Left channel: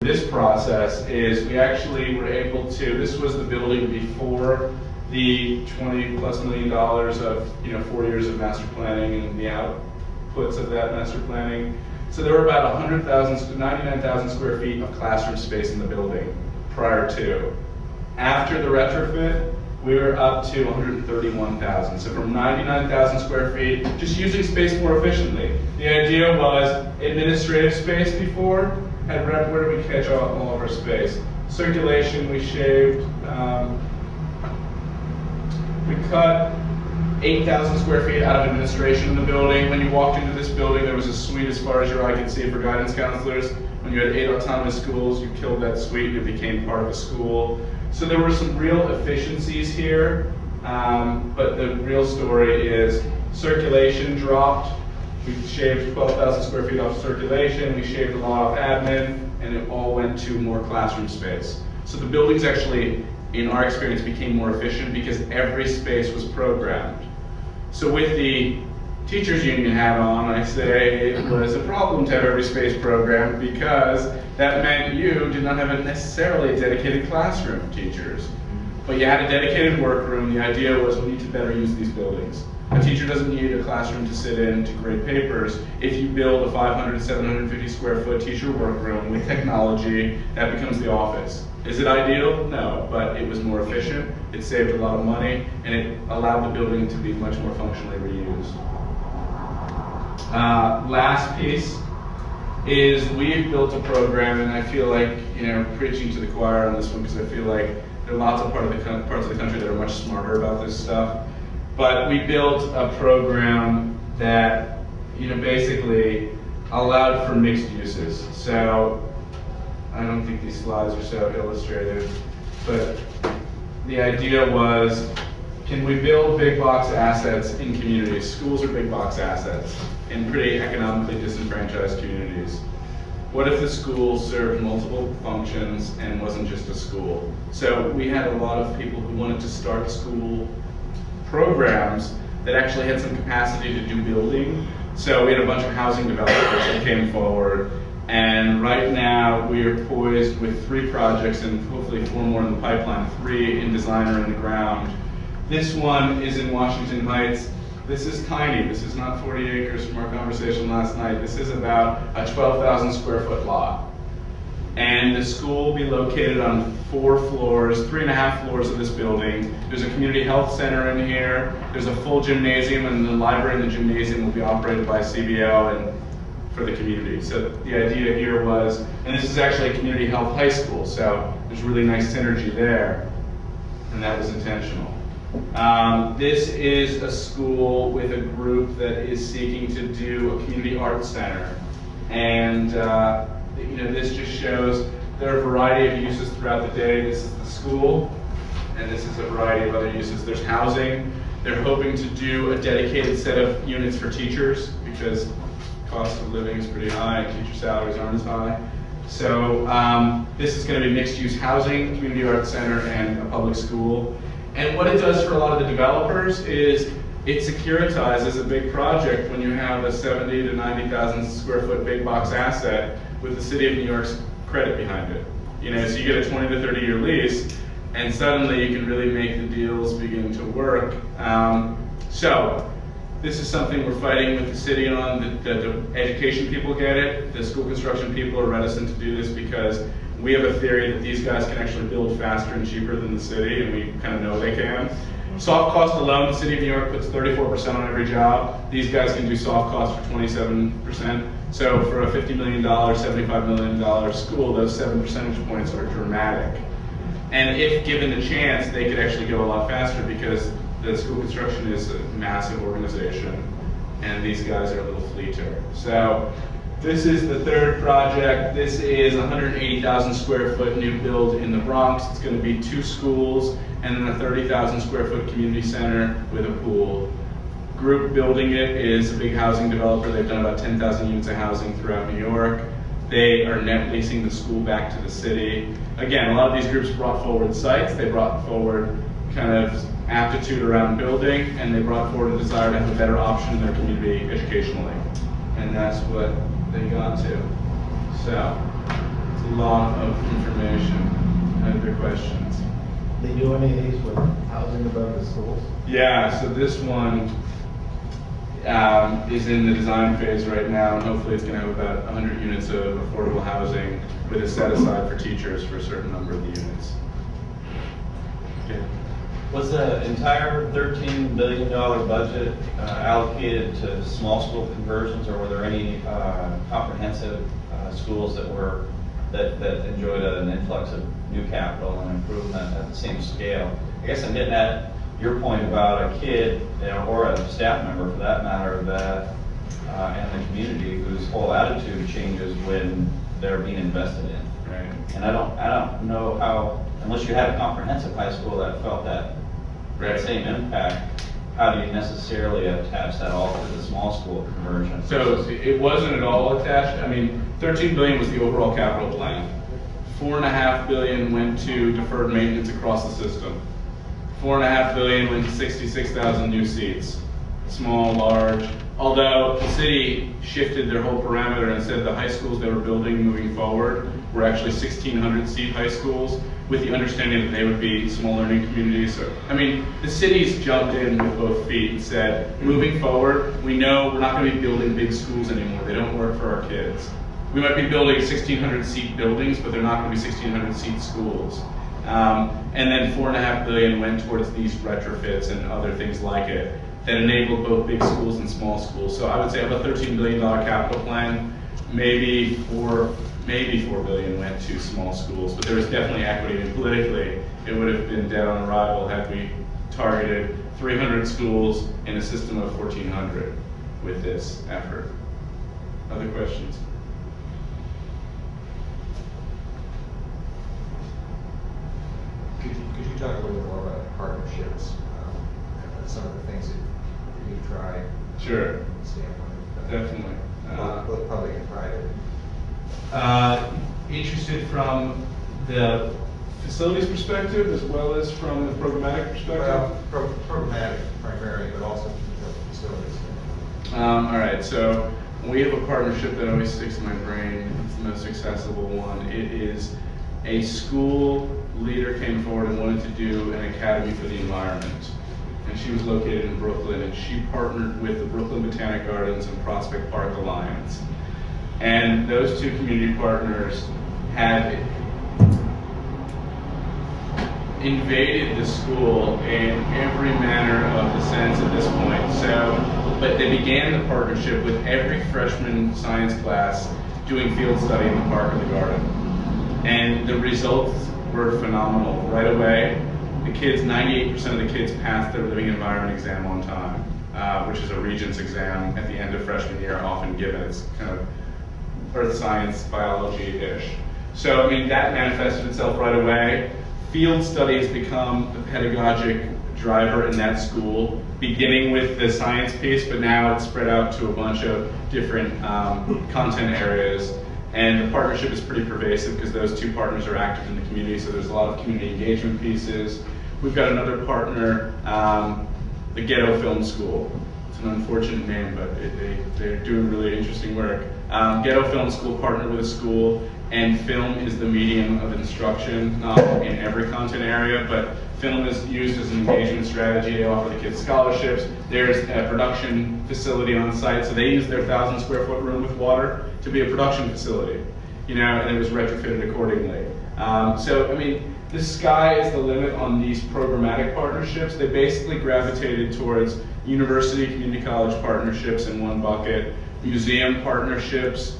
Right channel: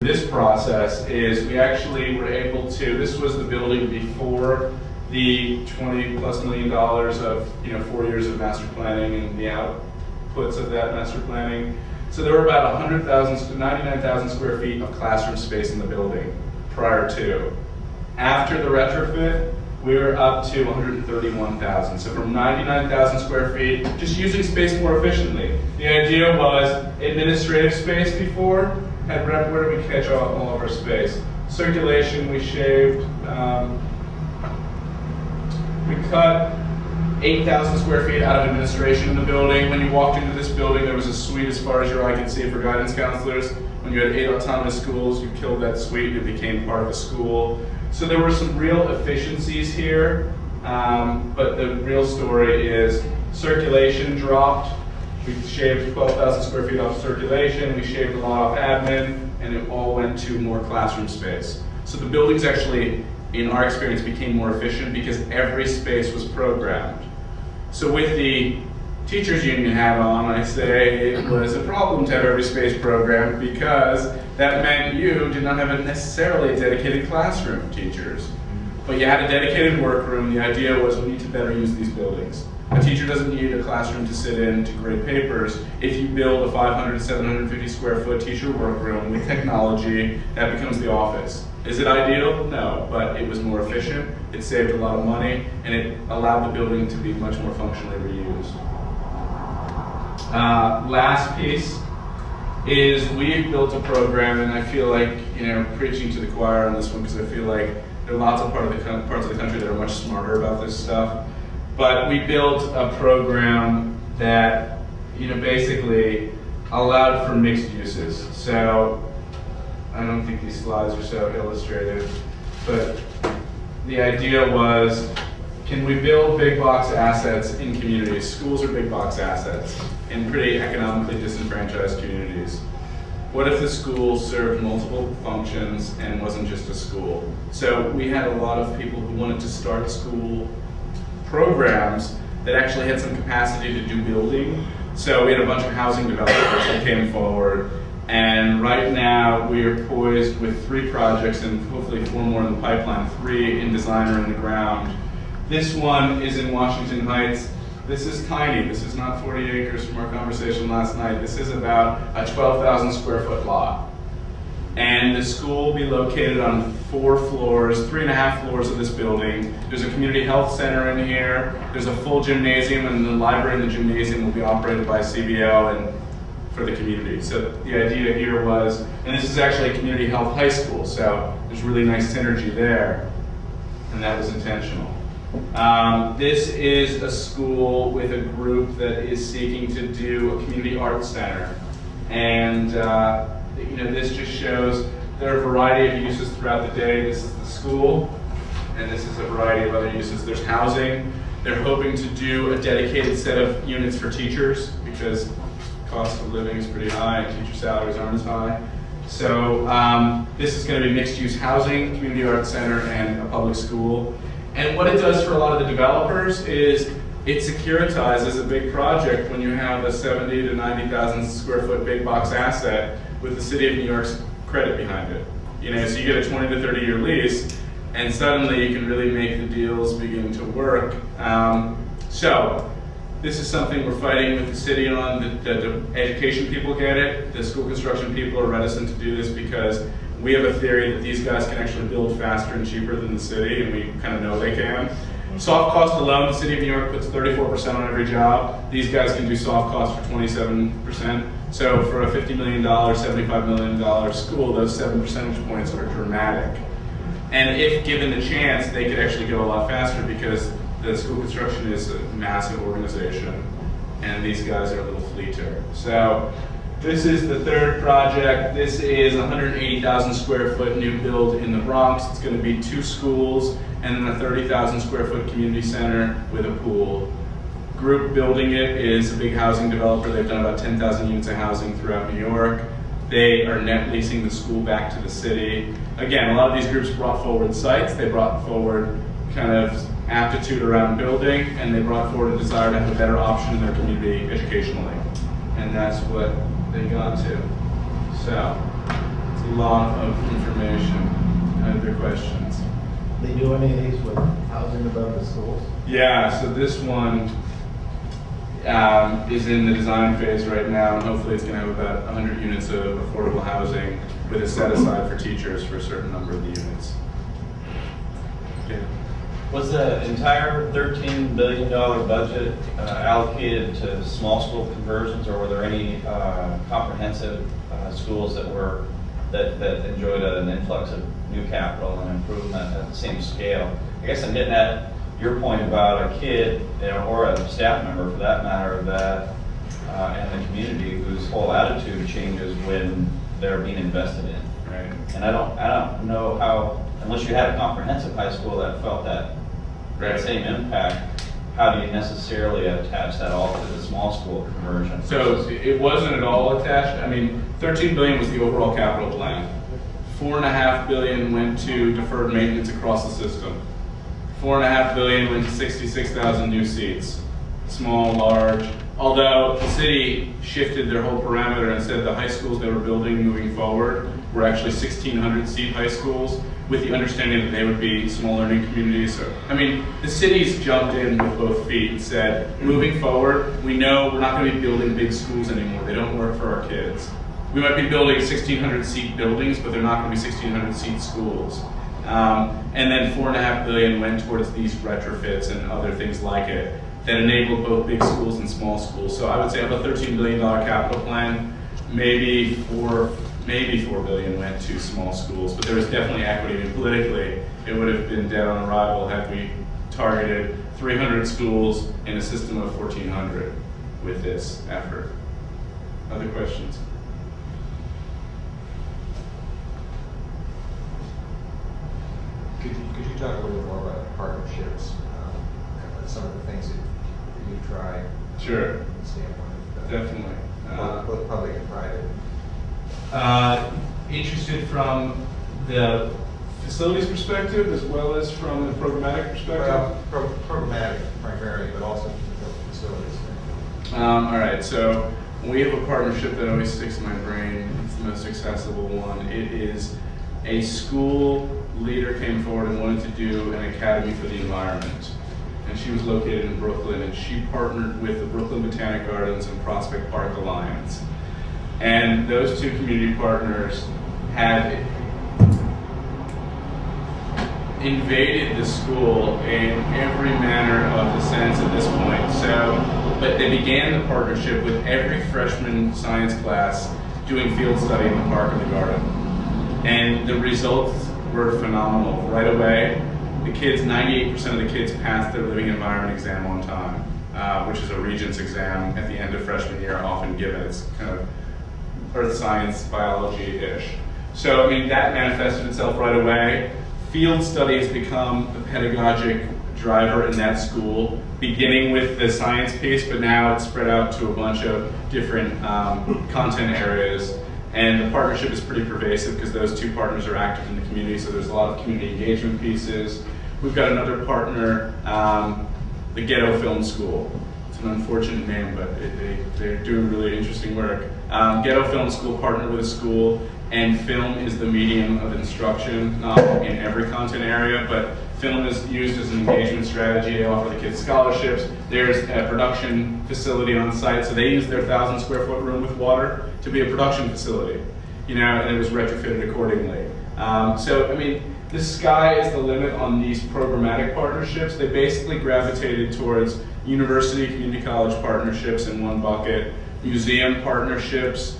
This process is we actually were able to, this was the building before the $20+ million of 4 years of master planning and the outputs of that master planning. So there were about 99,000 square feet of classroom space in the building prior to. After the retrofit, we were up to 131,000. So from 99,000 square feet, just using space more efficiently. The idea was administrative space before. Where did we catch all of our space? Circulation, we shaved. We cut 8,000 square feet out of administration in the building. When you walked into this building, there was a suite as far as your eye could see for guidance counselors. When you had 8 autonomous schools, you killed that suite, it became part of a school. So there were some real efficiencies here, but the real story is circulation dropped. We shaved 12,000 square feet off circulation, we shaved a lot off admin, and it all went to more classroom space. So the buildings actually, in our experience, became more efficient because every space was programmed. So with the teachers union hat on, I say it was a problem to have every space programmed because that meant you did not have necessarily a dedicated classroom of teachers. But you had a dedicated workroom. The idea was we need to better use these buildings. A teacher doesn't need a classroom to sit in to grade papers. If you build a 500, 750 square foot teacher workroom with technology, that becomes the office. Is it ideal? No, but it was more efficient, it saved a lot of money, and it allowed the building to be much more functionally reused. Last piece is we've built a program, and I feel like preaching to the choir on this one because I feel like there are lots of parts of the country that are much smarter about this stuff. But we built a program that basically allowed for mixed uses. So I don't think these slides are so illustrative, but the idea was, can we build big box assets in communities? Schools are big box assets in pretty economically disenfranchised communities. What if the school served multiple functions and wasn't just a school? So we had a lot of people who wanted to start school programs that actually had some capacity to do building. So we had a bunch of housing developers that came forward, and right now we are poised with 3 projects and hopefully 4 more in the pipeline, 3 in design or in the ground. This one is in Washington Heights. This is tiny. This is not 40 acres from our conversation last night. This is about a 12,000 square foot lot. And the school will be located on 4 floors, 3.5 floors of this building. There's a community health center in here. There's a full gymnasium, and the library and the gymnasium will be operated by CBO and for the community. So the idea here was, and this is actually a community health high school, so there's really nice synergy there, and that was intentional. This is a school with a group that is seeking to do a community arts center, and this just shows there are a variety of uses throughout the day. This is the school, and this is a variety of other uses. There's housing. They're hoping to do a dedicated set of units for teachers because cost of living is pretty high and teacher salaries aren't as high. So this is going to be mixed-use housing, community arts center, and a public school. And what it does for a lot of the developers is it securitizes a big project when you have a 70 to 90,000 square foot big box asset with the city of New York's credit behind it. So you get a 20 to 30 year lease, and suddenly you can really make the deals begin to work. So this is something we're fighting with the city on. The education people get it. The school construction people are reticent to do this because we have a theory that these guys can actually build faster and cheaper than the city, and we kind of know they can. Soft cost alone, the city of New York puts 34% on every job. These guys can do soft cost for 27%. So for a $50 million, $75 million school, those 7 percentage points are dramatic. And if given the chance, they could actually go a lot faster because the school construction is a massive organization, and these guys are a little fleeter. So this is the 3rd project. This is a 180,000 square foot new build in the Bronx. It's going to be 2 schools and then a 30,000 square foot community center with a pool. Group building it is a big housing developer. They've done about 10,000 units of housing throughout New York. They are net leasing the school back to the city. Again, a lot of these groups brought forward sites. They brought forward kind of aptitude around building, and they brought forward a desire to have a better option in their community educationally. And that's what they got to. So a lot of information. Other questions? They do any of these with housing above the schools? Yeah, so this one is in the design phase right now, and hopefully it's going to have about 100 units of affordable housing with a set aside for teachers for a certain number of the units. Okay. Was the entire $13 billion budget allocated to small school conversions, or were there any comprehensive schools that enjoyed an influx of new capital and improvement at the same scale? I guess I'm getting at your point about a kid, or a staff member for that matter, that in the community whose whole attitude changes when they're being invested in. Right. And I don't know how, unless you had a comprehensive high school that felt that same impact, how do you necessarily attach that all to the small school conversion? So it wasn't at all attached. I mean, 13 billion was the overall capital plan. 4.5 billion went to deferred maintenance across the system. 4.5 billion went to 66,000 new seats, small, large. Although the city shifted their whole parameter and said the high schools they were building moving forward were actually 1,600 seat high schools, with the understanding that they would be small learning communities. So, I mean, the city's jumped in with both feet and said, moving forward, we know we're not going to be building big schools anymore. They don't work for our kids. We might be building 1,600 seat buildings, but they're not going to be 1,600 seat schools. And then 4.5 billion went towards these retrofits and other things like it that enabled both big schools and small schools. So I would say of a $13 billion capital plan, maybe 4 billion went to small schools, but there was definitely equity. And politically, it would have been dead on arrival had we targeted 300 schools in a system of 1,400 with this effort. Other questions? Could you talk a little bit more about partnerships, and some of the things that you try? Sure. From the standpoint of Definitely. both public and private. Interested from the facilities perspective as well as from the programmatic perspective? Well, programmatic primarily, but also the facilities. All right, so we have a partnership that always sticks in my brain. It's the most accessible one. It is a school leader came forward and wanted to do an academy for the environment. And she was located in Brooklyn, and she partnered with the Brooklyn Botanic Gardens and Prospect Park Alliance. And those two community partners had invaded the school in every manner of the sense at this point. But they began the partnership with every freshman science class doing field study in the park or the garden. And the results were phenomenal. Right away, the kids, 98% of the kids passed their living environment exam on time, which is a Regents exam at the end of freshman year, often given. It's kind of earth science, biology-ish. So, I mean, that manifested itself right away. Field study has become the pedagogic driver in that school, beginning with the science piece, but now it's spread out to a bunch of different content areas. And the partnership is pretty pervasive because those two partners are active in the community, so there's a lot of community engagement pieces. We've got another partner, the Ghetto Film School. It's an unfortunate name, but they're doing really interesting work. Ghetto Film School partnered with a school, and film is the medium of instruction, not in every content area, but film is used as an engagement strategy. They offer the kids scholarships. There's a production facility on site, so they use their 1,000 square foot room with water to be a production facility, and it was retrofitted accordingly. So, I mean, the sky is the limit on these programmatic partnerships. They basically gravitated towards university, community college partnerships in one bucket, museum partnerships,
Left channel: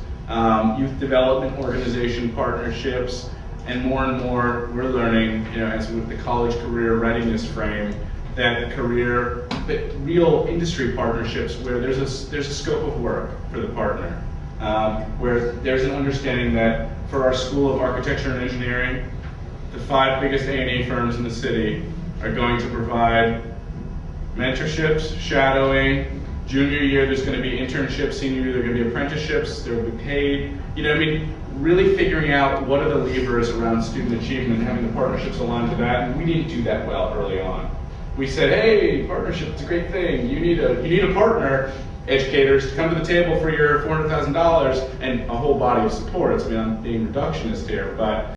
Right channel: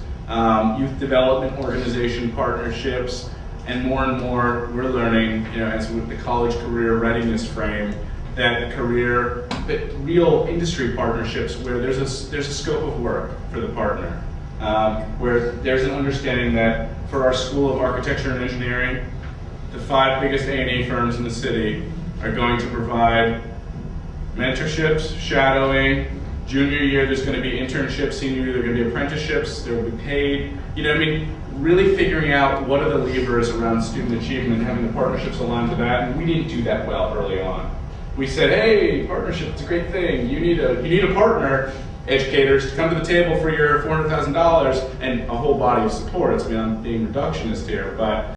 youth development organization partnerships, and more we're learning, as with the college career readiness frame, that real industry partnerships where there's a scope of work for the partner, where there's an understanding that for our School of Architecture and Engineering, the 5 biggest A&E firms in the city are going to provide mentorships, shadowing. Junior year, there's going to be internships. Senior year, there are going to be apprenticeships. There will be paid. Really figuring out what are the levers around student achievement, having the partnerships aligned to that. And we didn't do that well early on. We said, hey, partnership, it's a great thing. You need a partner. educators to come to the table for your $400,000 and a whole body of support. It's beyond being reductionist here, but